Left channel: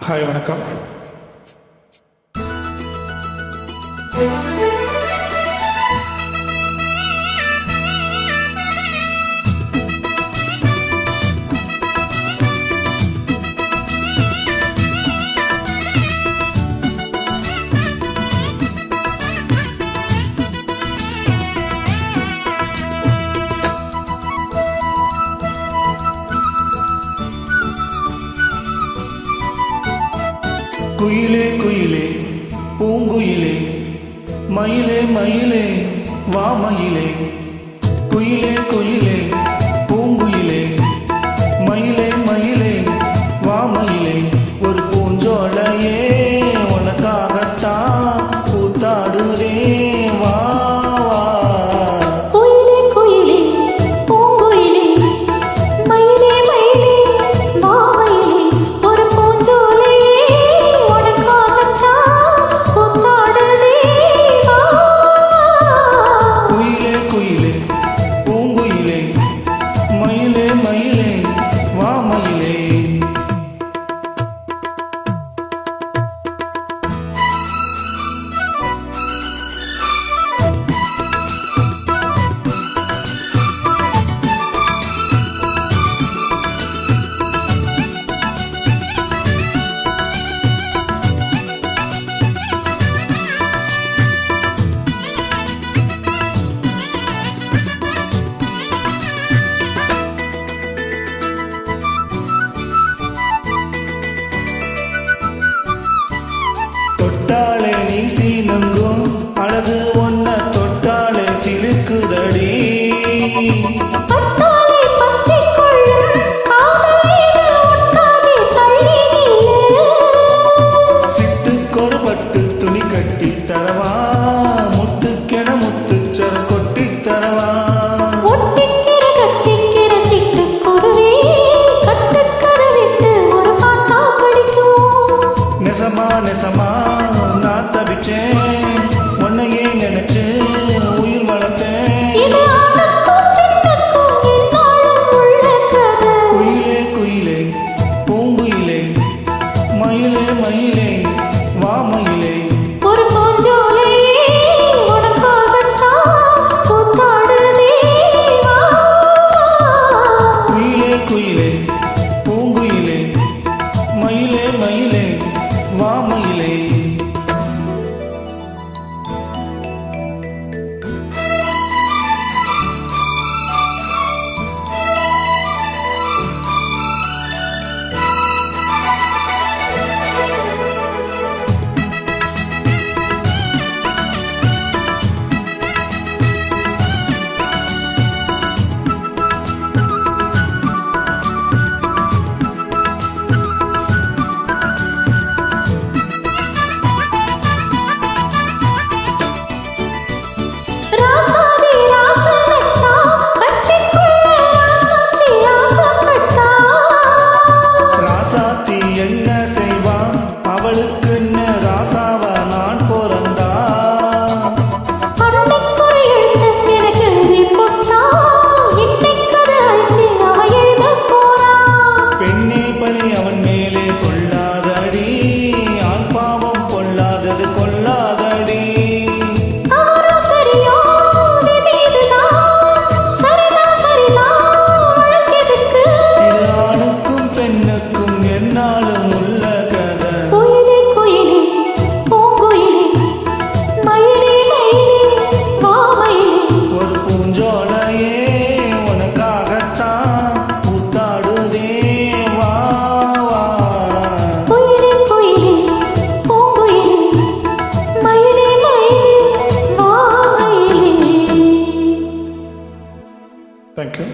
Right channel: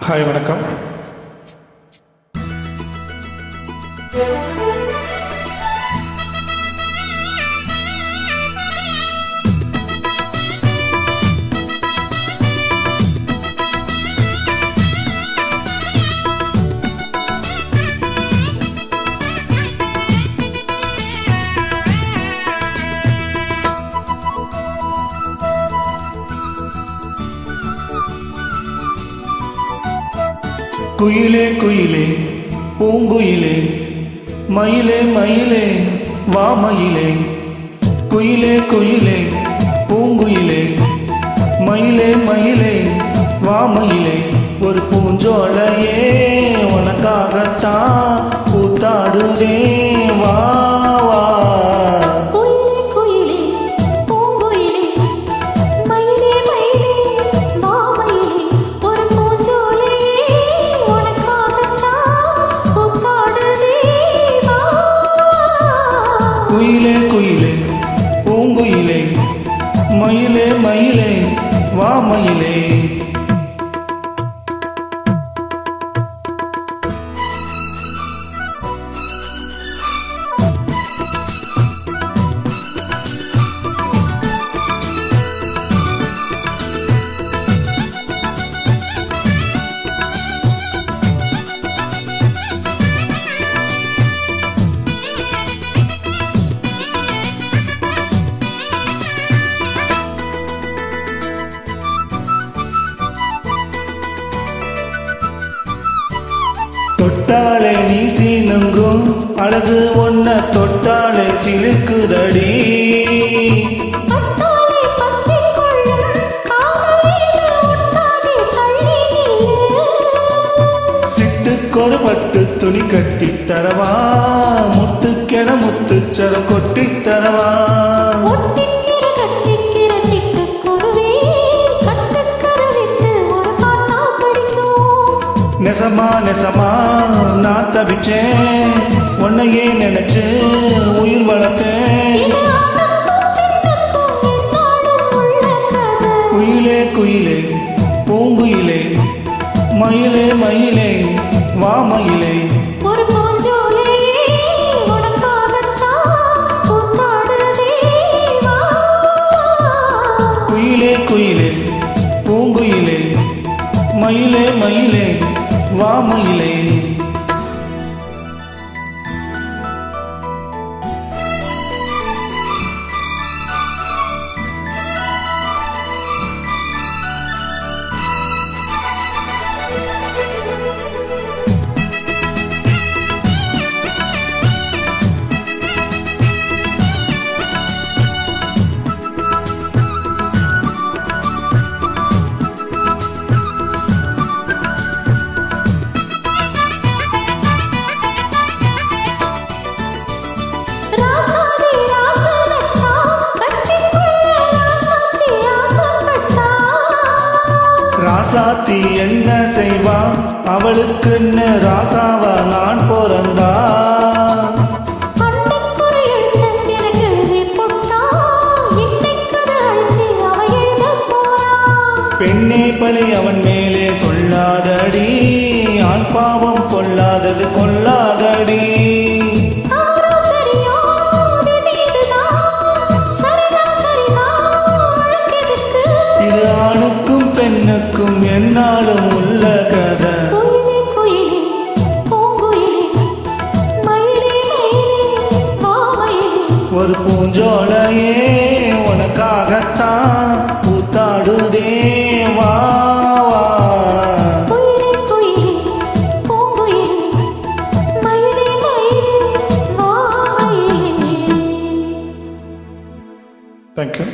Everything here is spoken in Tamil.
ஹாய் வணக்கம். குயிலே குயிலே பூங்குயிலே மயிலே மயிலே வா மயிலே. குயிலே குயிலே பூங்குயிலே மயிலே மயிலே வா மயிலே. ஒரு பூஞ்சோலையே உனக்காகத்தான் பூத்தாடுதே வா வா. குயிலே பூங்குயிலே மயிலே மயிலே வா மயிலே. தொட்டாளே நீ சீனங்கும் அழகு ஒன்ன தொட்டாளே சிலுக்குதடி. சிட்டுக்கொரு பட்டு துணி கட்டி தரவா முட்டுக்கென முத்துச்சரம் கொட்டி தரவா. நெசமா நெசமா நான் தவிச்சேன் உன்னையே நினைச்சு உயிர் வளர்த்தேன். குயிலே குயிலே பூங்குயிலே மயிலே மயிலே வா மயிலே. ஒரு பூஞ்சோலையே உனக்காகத்தான் பூத்தாடுதே வா. குயிலே குயிலே பூங்குயிலே மயிலே மயிலே வா மயிலே. ராசாத்தி என்ன செய்வா அவளுக்குன்னு ராசாவா நான் பிறந்தா. பெண்ணே பழி அவன் மேலே சொல்லாதடி ஆண் பாவம் கொள்ளாதது கொள்ளாதடி. இது ஆணுக்கும் பெண்ணுக்கும் என்னாலும் உள்ள கதை. குயிலே குயிலே பூங்குயிலே மயிலே மயிலே வா மயிலே. ஒரு பூஞ்சோலையே உனக்காகத்தான் பூத்தாடுதே வா வா. குயிலே குயிலே பூங்குயிலே மயிலே மயிலே வா மயிலே. தேங்க்யூ.